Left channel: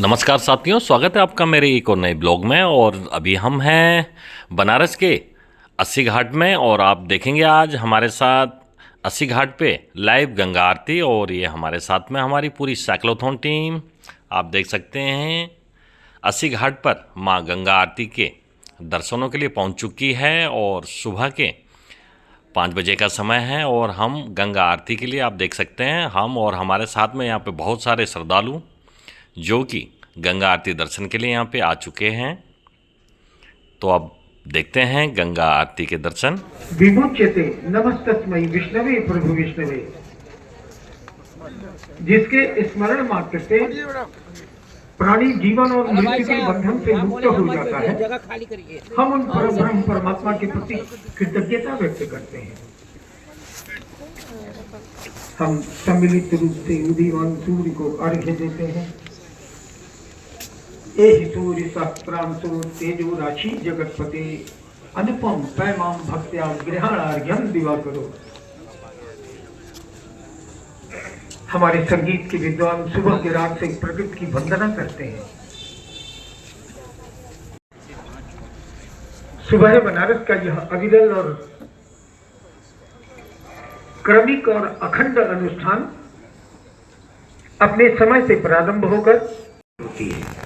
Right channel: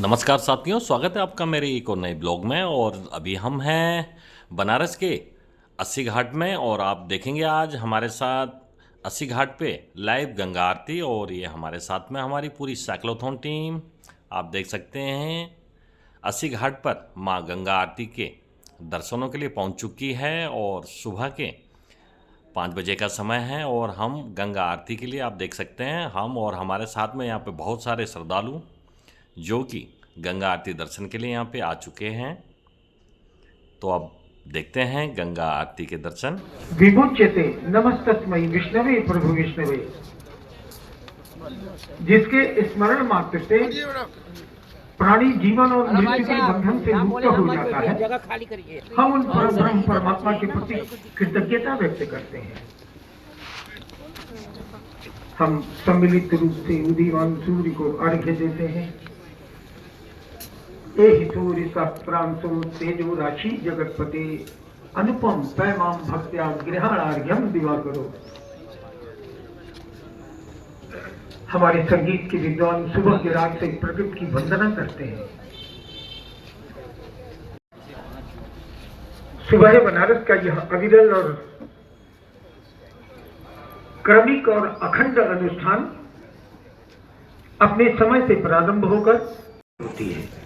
नमस्कार साथियों, स्वागत है आपका मेरे एक और नए ब्लॉग में। और अभी हम हैं बनारस के अस्सी घाट में और आप देखेंगे आज हमारे साथ अस्सी घाट पे लाइव गंगा आरती। और ये हमारे साथ में हमारी पूरी साइक्लोथॉन टीम आप देख सकते हैं अस्सी घाट पर माँ गंगा आरती के दर्शनों के लिए पहुंच चुकी है। और सुबह के 5 बजे का समय है और हम गंगा आरती के लिए आप देख सकते हैं हम और हमारे साथ में यहाँ पे बहुत सारे श्रद्धालु जो कि गंगा आरती दर्शन के लिए यहाँ पे आ चुके हैं। तो अब देखते हैं गंगा आरती के दर्शन। विमुच्यते नमस्तस्मै विष्णवे प्रभु विष्णवे, जिसके स्मरण मात्र से प्राणी जीवन और मृत्यु के बंधन से मुक्त हो जाता है, हम उन परम परमात्मा के प्रति कृतज्ञता व्यक्त करते हैं। हम सम्मिलित रूप से उदीयमान सूर्य को अर्घ्य देते हैं। एहि सूर्य सहस्रांशो तेजो राशि जगतपते, अनुपम पैमाम भक्त्या गृहाणार्घ्यम दिवाकरो। हमारे संगीत के विद्वान सुबह के रात से प्रकृति की वंदना करते हैं। सुबह बनारस का यह अविरल और क्रमिक और अखंड अनुष्ठान अपने समय से प्रारंभ होकर होती है।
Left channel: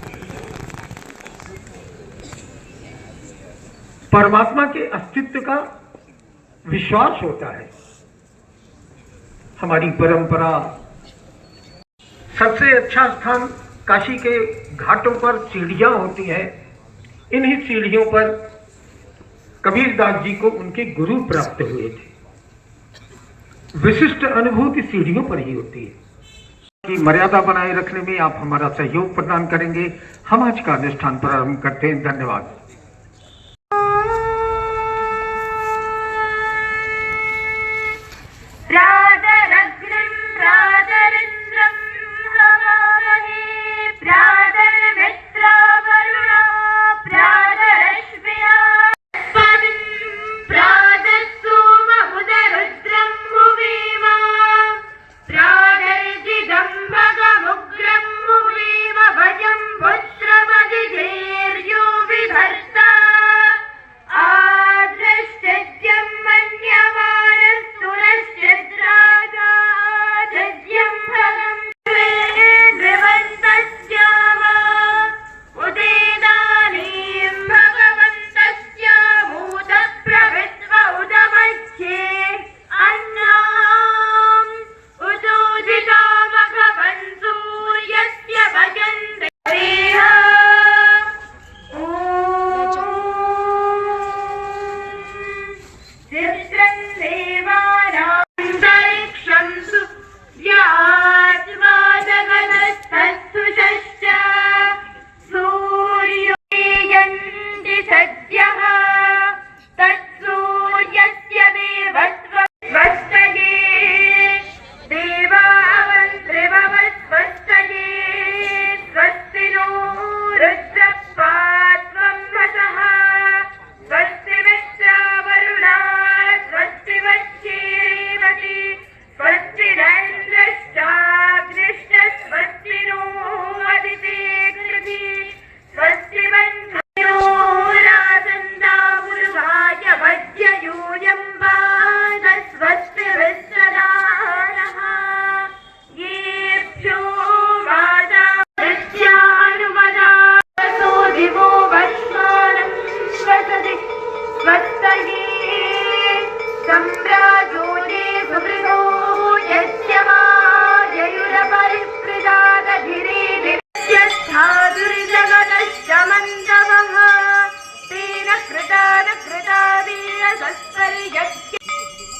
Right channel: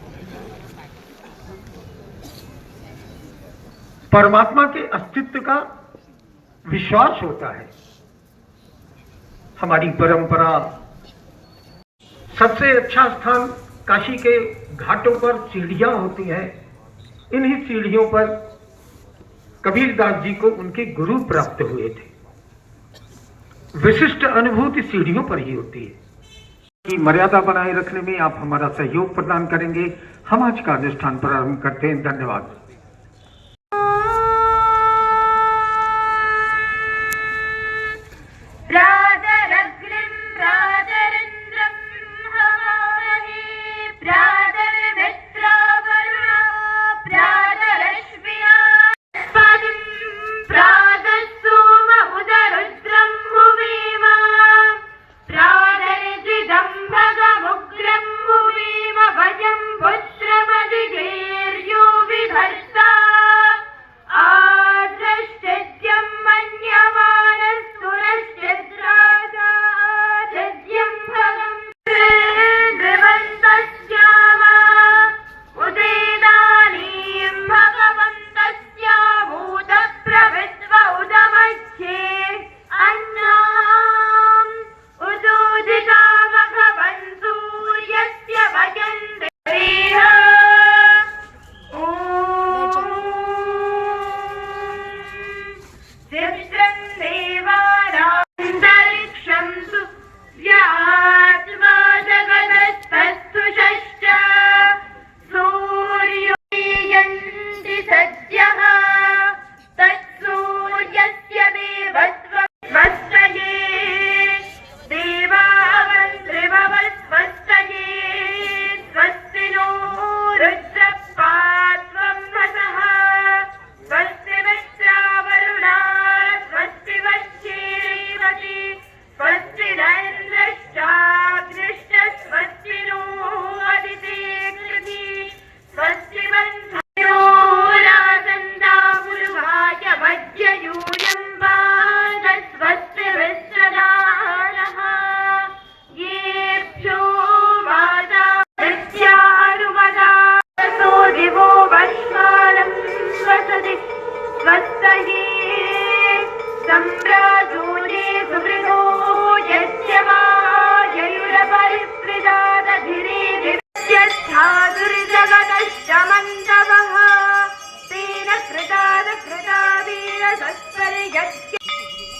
परमात्मा के अस्तित्व का विश्वास होता है। हमारी परंपरा सबसे अच्छा स्थान काशी के घाटों पर सीढ़ियां होती है। इन्हीं सीढ़ियों पर कबीरदास जी को उनके गुरु प्राप्त हुए थे। विशिष्ट अनुभूति सीढ़ियों पर ही होती है। की मर्यादा बनाए रखने में आप हमारा सहयोग प्रदान करेंगे। हम आज का अनुष्ठान प्रारंभ करते हैं। धन्यवाद।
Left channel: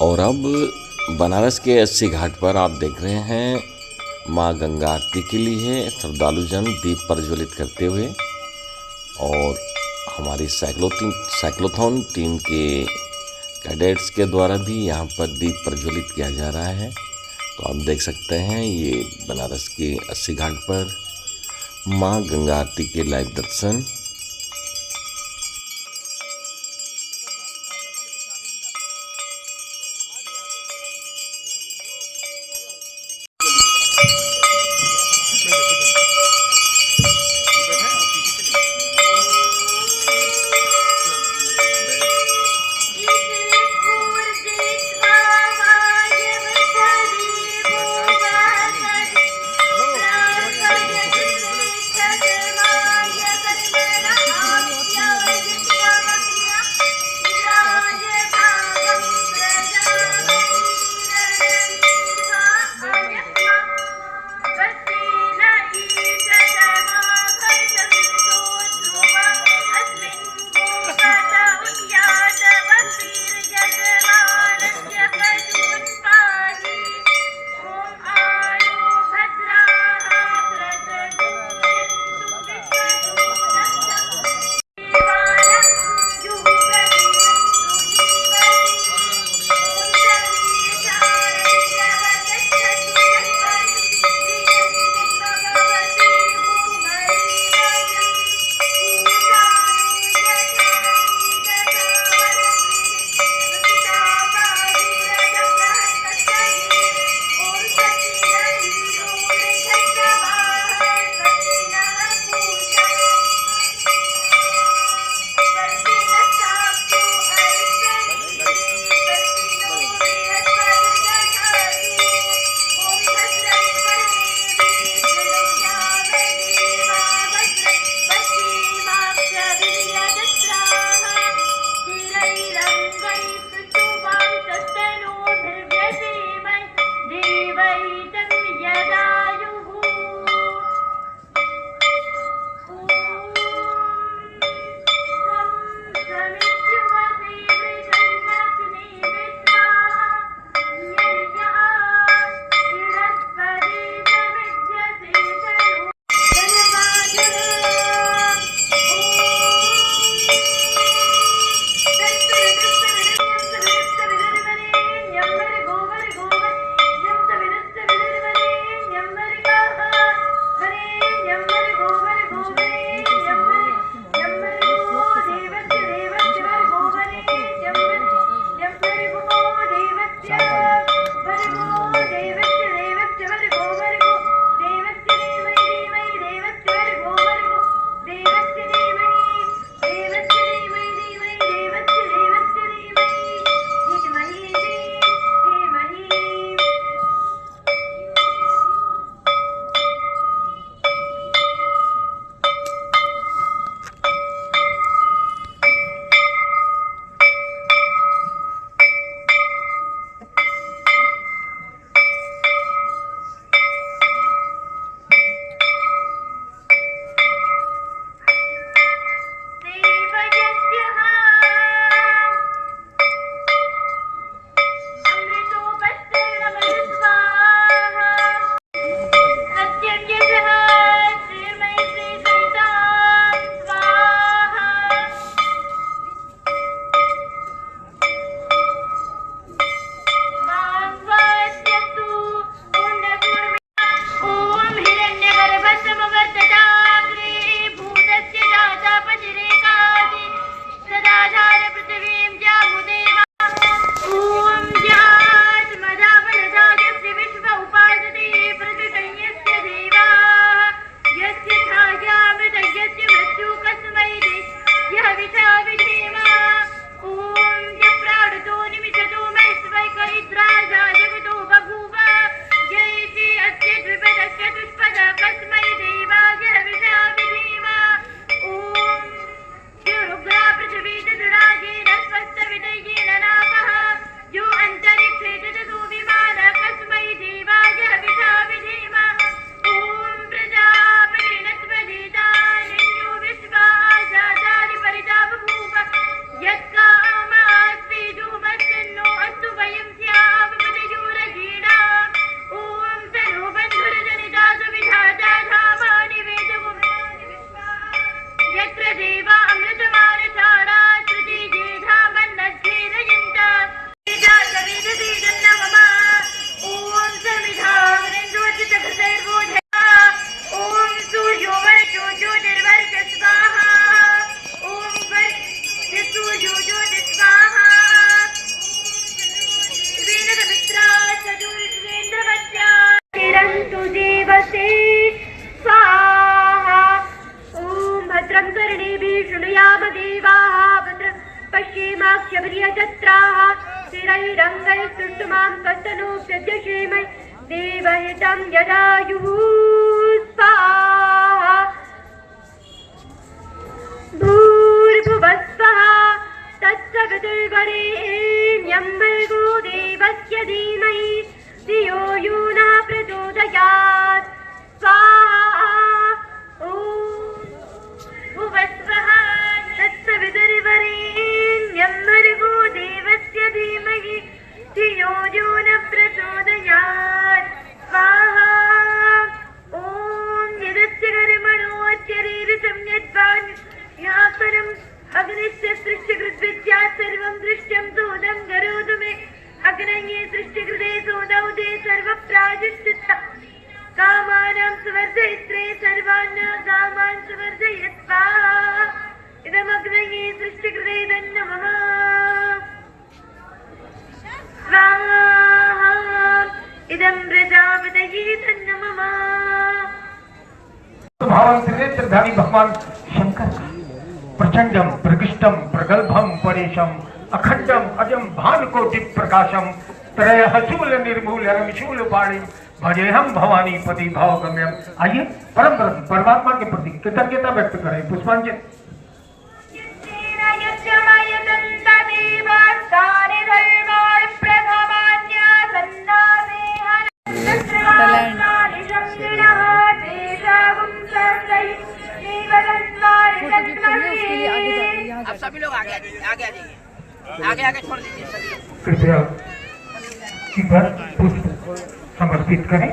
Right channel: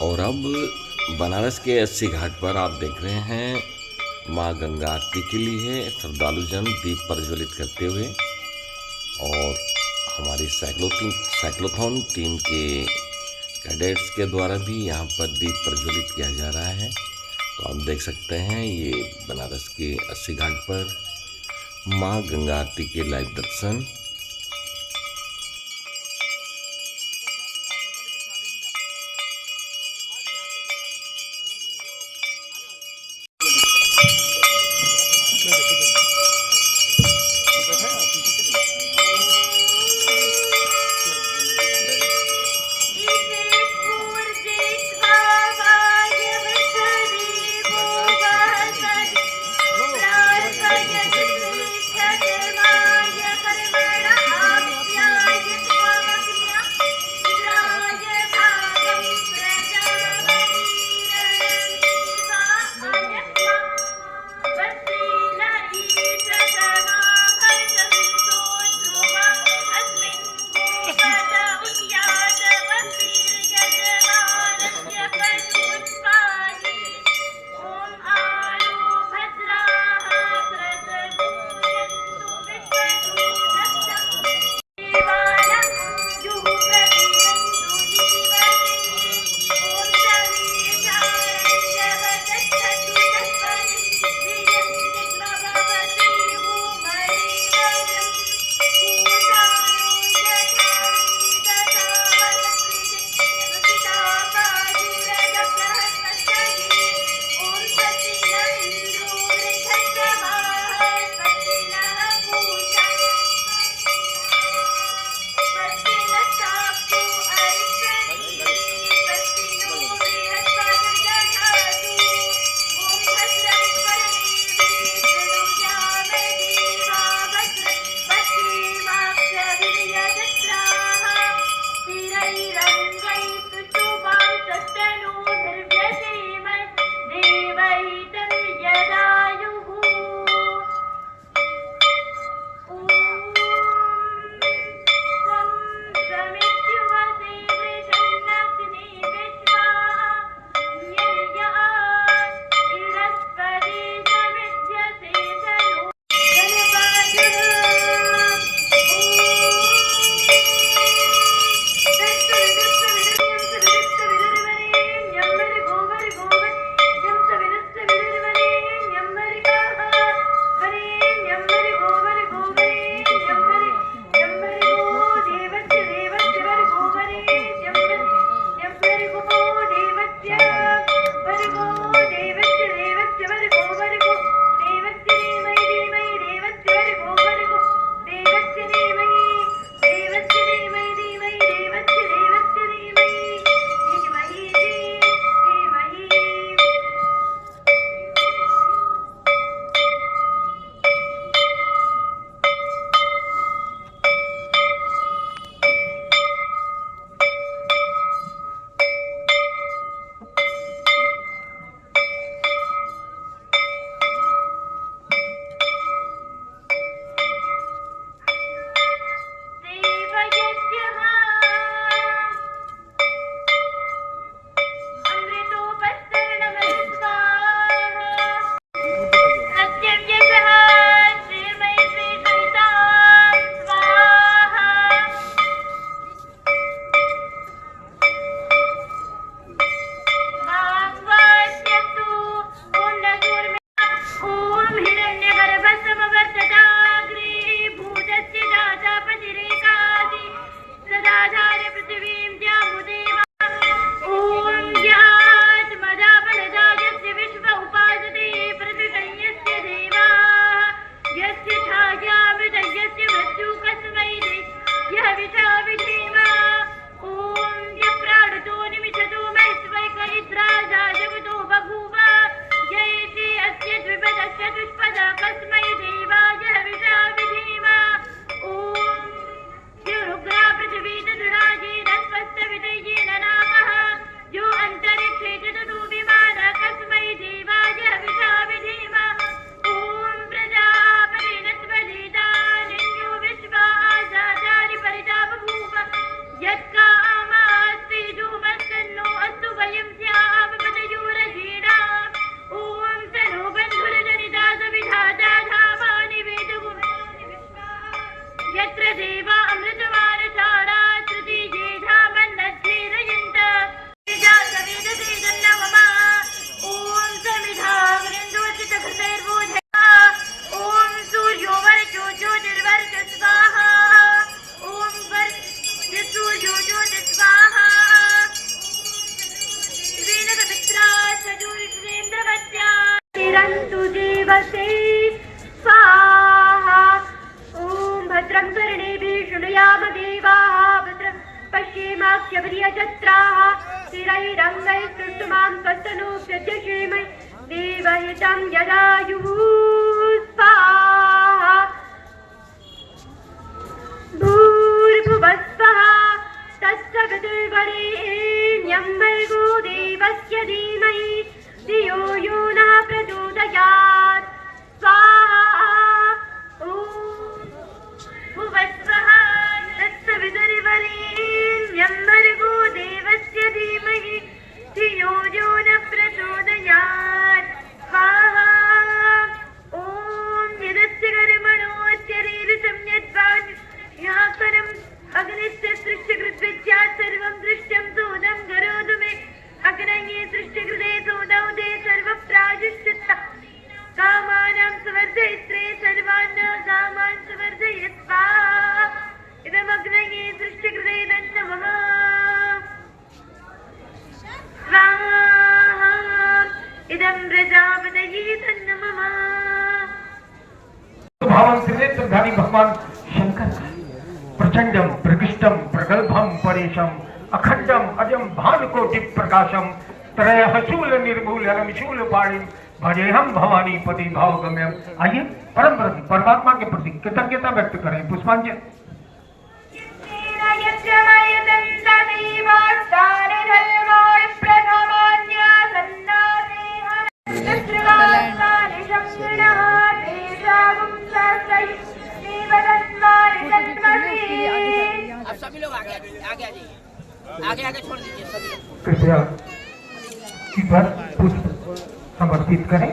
और अब बनारस के अस्सी घाट पर आप देख रहे हैं माँ गंगा आरती के लिए श्रद्धालुजन दीप प्रज्वलित करते हुए। और हमारी साइक्लोथॉन टीम के कैडेट्स के द्वारा भी यहाँ पर दीप प्रज्वलित किया जा रहा है। तो आप देख सकते हैं ये बनारस के अस्सी घाट पर माँ गंगा आरती के लाइव दर्शन। वीरैरङ्गैः सुष्टुमां कस्तनु प्रत्यक्षेमै देवहितं यदायुः स्वाहा भूर्भुवः स्वः तत्सवितुर्वरेण्यं भर्गो देवस्य धीमहि धियो यो नः प्रचोदयात् स्वाहा ॐ भुवः स्वः तत्सवितुर्वरेण्यं भर्गो देवस्य धीमहि धियो यो नः प्रचोदयात् स्वाहा ॐ यदस्य कर्मणोऽत्यरीरितं यद्वान् यासनम् अग्निस्य सृष्टिकृद्विद्यात् सर्वं दृष्ट्यं सोदं करोतु मे अग्नये सृष्टिकृते सोदौ ते सर्वप्रायश्चित्त कामानां सुवर्धयित्रे सर्वान् कामान् सुवर्धयत् स्वाहा इदमग्नये सृष्टिकृते तन्नमः स्वाहा इदं प्रजापतये तन्नमः भावन त्रिनेत्रधारी भगवान शंकर प्रचंडम प्रकृष्टम प्रगल्भम परेशम अखंडम अजम भानुकोटि प्रकाशम त्रयःशूल निर्मूल रमशूल पाणि भजेहम भवानी पति भावगम्यम। आइए परम परमात्मा के प्रति कृतज्ञता व्यक्त करें। पुष्पांजलि। आप सभी लोग आगे आगे आगे छोड़ दीजिए सभी लोग। कृपया कीपर पुष्प समर्पित करें।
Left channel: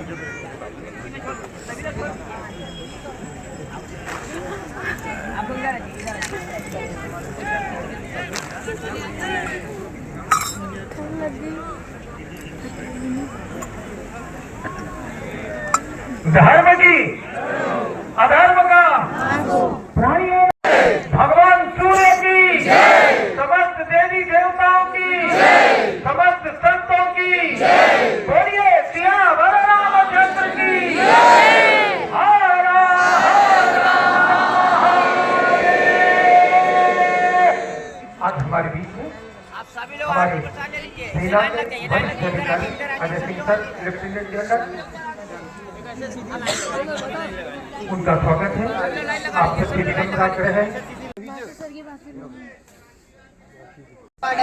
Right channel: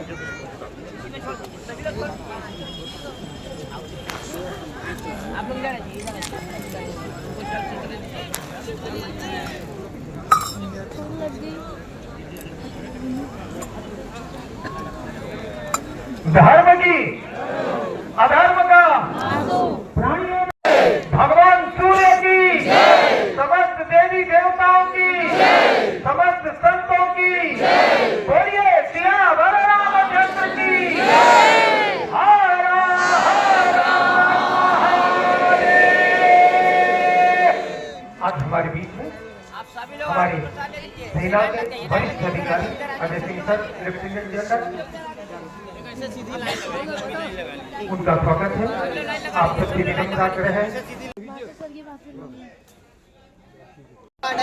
धर्म की अधर्म का भगवान सूर्य की समस्त देवी देवताओं की समस्त संतों की बोलिए सियावर रामचंद्र की। आज हमारे बीच में आप सभी लोग आगे बता ले लीजिए। सेना लाइन के लग जाइए, लाइन लग जाइए। इधर आइए, इधर आइए। Ajay Singh sir, lieutenant general, उनका स्वागत है। आप सबकी विनम्रता कर रहे हैं।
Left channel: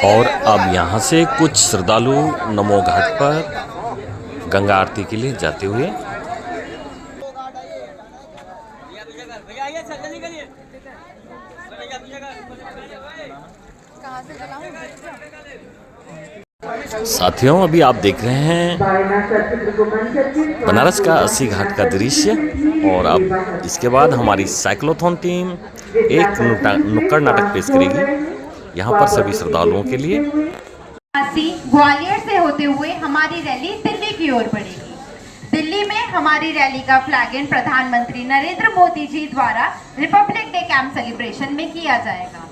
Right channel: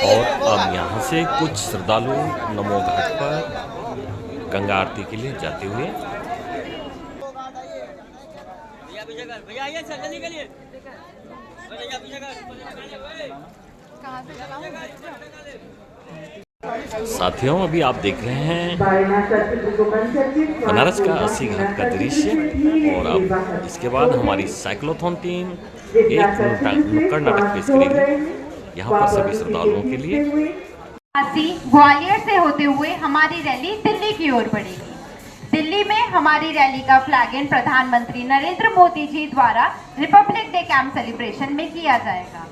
और अब यहाँ से कुछ श्रद्धालु नमो घाट पर गंगा आरती के लिए जाते हुए भैया आइए, चल निकलिए। साथियों, अभी आप देख रहे हैं बनारस का अस्सी घाट का दृश्य। और अब इसके बाद हमारी साइक्लोथॉन टीम एक नुक्कड़ नाटक पेश करेगी यहाँ पर सभी श्रद्धालुओं के लिए। ग्वालियर से होते हुए हमारी रैली दिल्ली की ओर बढ़ेगी। दिल्ली में हमारी रैली का फ्लैग प्रधानमंत्री नरेंद्र मोदी जी द्वारा रिपब्लिक डे कैंप सेलिब्रेशन में किया जाएगा।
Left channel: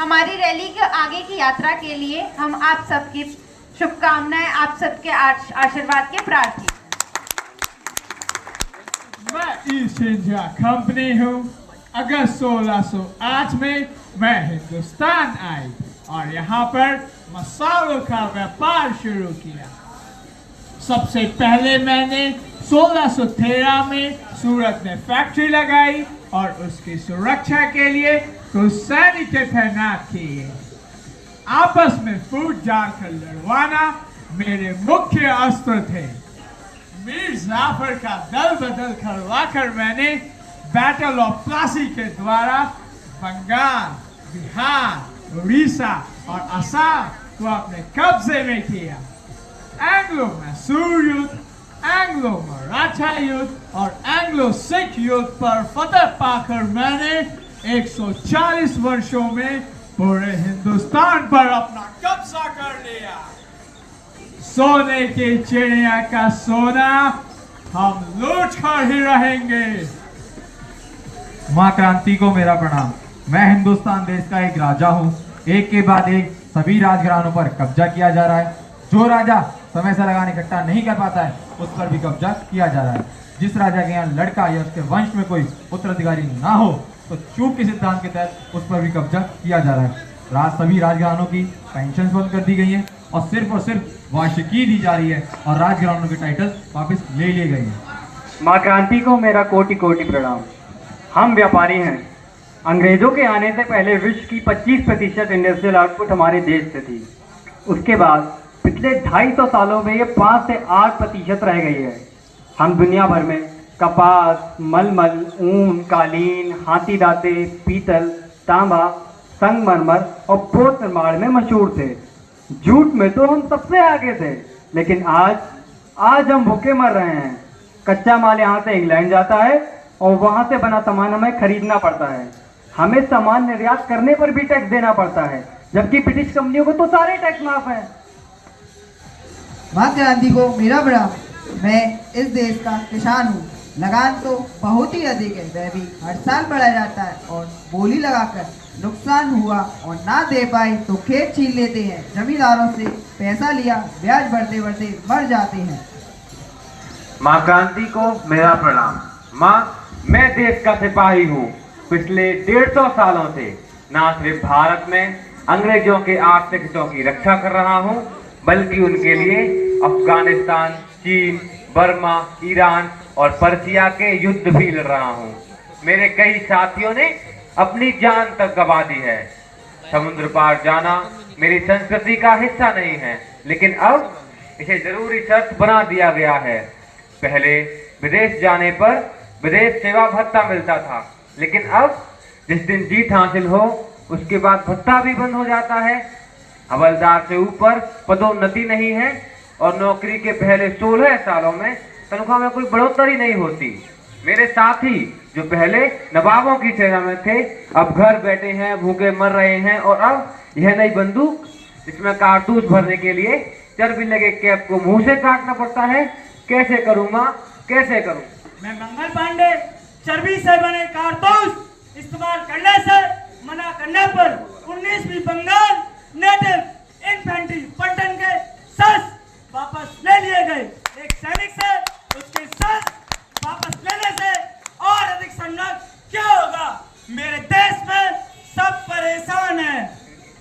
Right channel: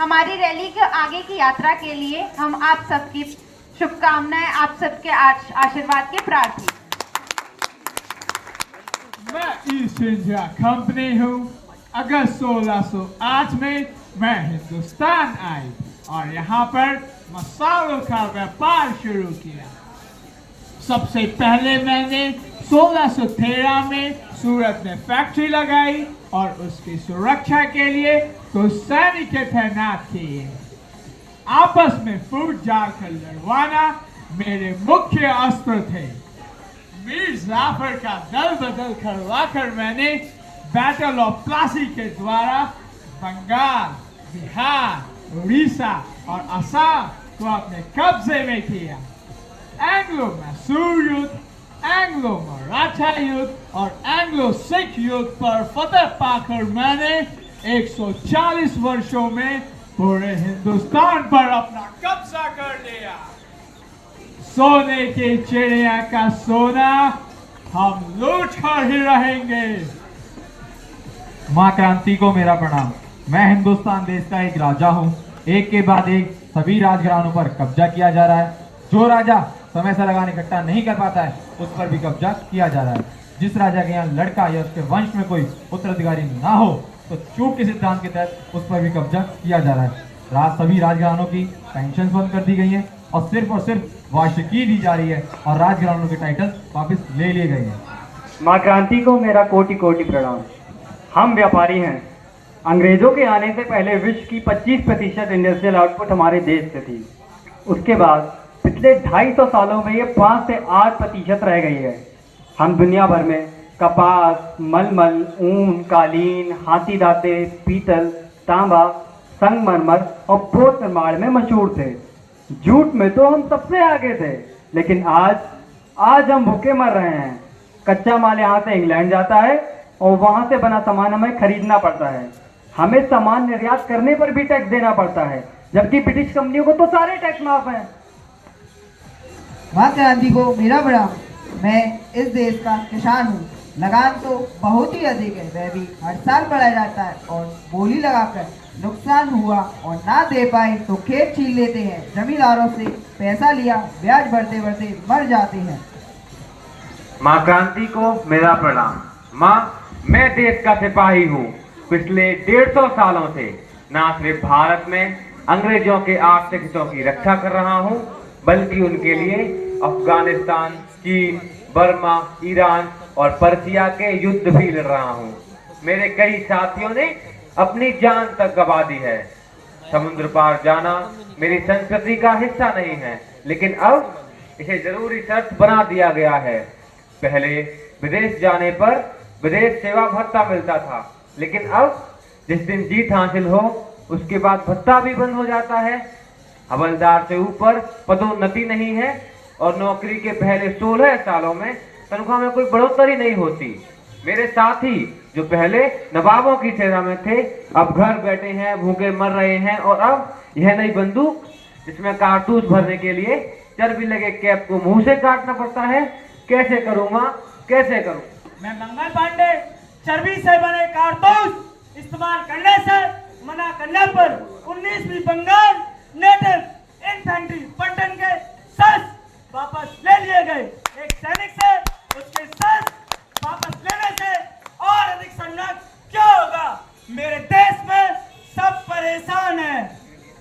हमारी रैली के आगे की यात्रा के लिए हम आप सबकी शुभकामनाएं, आप सबके आशीर्वाद के प्रार्थी। मैं ईस्ट इंडिया कंपनी हूँ। अगस्त 1608 में मैं हिंदुस्तान आई और यहाँ पर मसालों का व्यापार शुरू किया। सबसे पहले मैंने 1613 में सूरत में फैक्ट्री लगाई और उसकी सुरक्षा के लिए कुछ सैनिक तैनात किए। आपस में फूट डालकर लड़वाना मेरे मुख्य अस्त्र थे। मीर जाफर का दल बदल करवाकर मैंने बैटल ऑफ प्लासी के द्वारा बंगाल, बिहार, उड़ीसा और असम को अपने कब्जे में किया। एंग्लो मैसूर युद्ध, एंग्लो मराठा युद्ध और एंग्लो सिख युद्ध पर फतह पाकर मैंने 140 वर्षों में पूरे हिंदुस्तान पर अपना कब्जा कर लिया। सोने की चिड़िया का सोना हम लूट कर ही रहेंगे। माँ क्रांति को मेरा प्रणाम। मैं हिंदुस्तान देश का एक राजा हूँ। एक के बाद एक सभी राजघरानों पर कब्जा किया जा रहा है। जो राजा समय से लगान इकट्ठा नहीं कर पाता है उस पर भी कब्जा किया जा रहा है। जिस राजा के यहाँ लड़का या उसके वंश में कोई उत्तराधिकारी ना हो तो चूक के सिद्धांत के तहत उस पर भी कब्जा किया जा रहा है। सभी राजघरानों की पेंशन बंद कर दी गई है और सिर्फ वाशिकी दी जा रही है और राजघरानों के टाइटल वापस ले लिए गए हैं। माँ क्रांति को मेरा कोटि कोटि प्रणाम। हम व्यापारी हैं। अंग्रेजों के आने से पहले विश्व की 25% इंडस्ट्रियल आउटपुट हमारे देश से थी। उसके बाद पिछले 250 सालों में ये 5 से 8% रह गई है। हम दुनिया भर में कपास, मलमल, ऊन, कालीन, हाथी दांते, पीतल, तांबा, संगमरमर और पोत निर्माण में मशहूर थे। जूट में तो हम सबसे आगे थे, लेकिन आज हम भूखे मर रहे हैं। कच्चा माल यहाँ से इंग्लैंड जाता है और वहाँ से बना सामान हमें खरीदना पड़ता है। हमें सामान निर्यात करने पर भी टैक्स देना पड़ता है, जबकि ब्रिटिश कंपनियों को तो सारे टैक्स माफ हैं। माँ क्रांति को मेरा प्रणाम। मैं इस देश का किसान हूँ। लगान तो बहुत ही अधिक है, वह भी हर साल बढ़ा जाता है और बोली लगाकर नुकसान हुआ और ना दे पाए तो खेत छीन लेते हैं। जमींदारों से पैसा लिया, ब्याज बढ़ते बढ़ते मर जाते हैं। माँ क्रांति को मेरा प्रणाम। माँ, मैं देश का सिपाही हूँ। पिछले 150 सालों से न सिर्फ भारत में अंग्रेजों के आर्थिक हितों की रक्षा कर रहा हूँ, बल्कि उनके लिए अफगानिस्तान, चीन, बर्मा, ईरान और पर्सिया के युद्ध भी लड़ रहा हूँ। मेरे कई साथियों ने अपनी जान तक गंवा दी है। समुद्र पार जाना मेरी संस्कृति का हिस्सा नहीं है, लेकिन अब इसे जरूरी शर्त बना दिया गया है। पहले विदेश जाने पर विदेश सेवा भत्ता मिलता था, लेकिन अब जिस दिन जीत हासिल हो उसके बाद भत्ता भी बंद हो जाता है। हवलदार से ऊपर पदोन्नति नहीं है और नौकरी के पहले 16 सालों में तनख्वाह में कोई बढ़ोतरी नहीं होती। मेरे साथी जो पहले नवाबों की सेना में थे, अब घर बैठे हैं, भूखे मर रहे हैं। और अब यह नई बंदूक जिसमें कारतूस भरने के लिए चर्बी लगे कैप को मुंह से काटना पड़ता है। कैसे करूँ माँ, कैसे करूँ? मैं मंगल पांडे चर्बी से बने कारतूस इस्तेमाल करने से मना करने पर 19वीं बंगाल नेटिव इन्फेंट्री पलटन के शस्त्र वापस ले लिए गए। एक सैनिक से उसके शस्त्र वापस लेने से और अधिक संघर्ष क्या होगा? मेरे देश में सब परेशान हैं।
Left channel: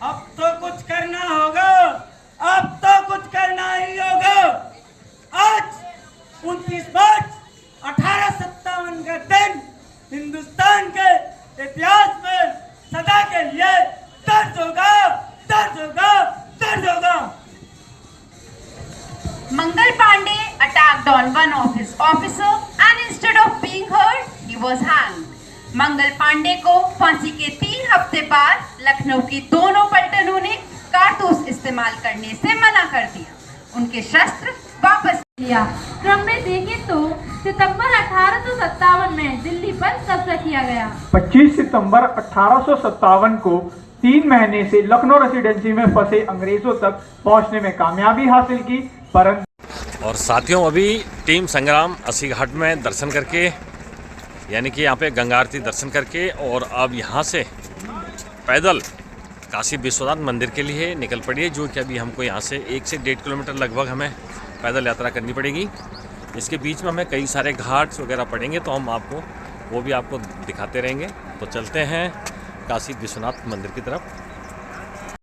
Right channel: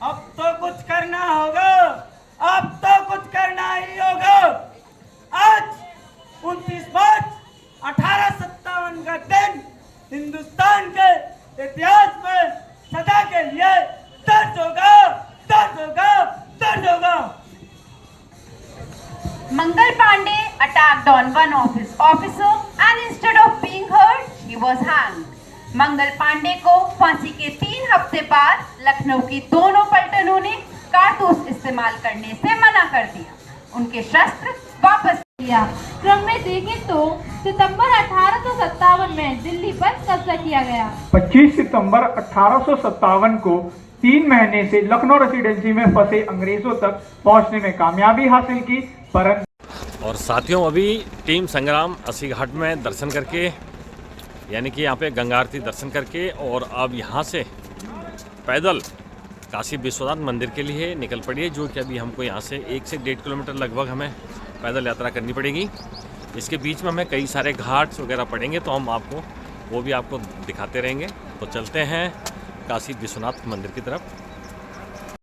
अब तो कुछ करना होगा, अब तो कुछ करना ही होगा। आज 29 मार्च 1857 का दिन हिंदुस्तान के इतिहास में सदा के लिए दर्ज होगा, दर्ज होगा, दर्ज होगा। Mangal Pandey attacked on one of his officer and instead of being hurt, he was hanged. Mangal Pandey को फांसी के 3 हफ्ते बाद लखनऊ की दोनों पलटनों ने कारतूस इस्तेमाल करने से मना कर दिया। उनके शस्त्र वापस किया। क्रम में देखें तो सितंबर 1857 में दिल्ली पर कब्जा किया गया। 25 सितंबर 1857 को 3 महीने से लखनऊ रेसिडेंसी में फंसे अंग्रेजों तक पहुंचने में कामयाबी हासिल की, परंतु और साथियों, अभी टीम संग्राम अस्सी घाट में दर्शन करके, यानी कि यहाँ पे गंगा आरती दर्शन करके, और अब यहाँ से पैदल काशी विश्वनाथ मंदिर के लिए निकल पड़ी है, जो कि अभी हमको यहाँ से 1 से 1.5 किलोमीटर लगभग हमें पैदल यात्रा करनी पड़ेगी। इसके बीच में हमें कई सारे घाट्स वगैरह पड़ेंगे, तो हम आपको वो भी आपको दिखाते रहेंगे। तो चलते हैं काशी विश्वनाथ मंदिर की तरफ।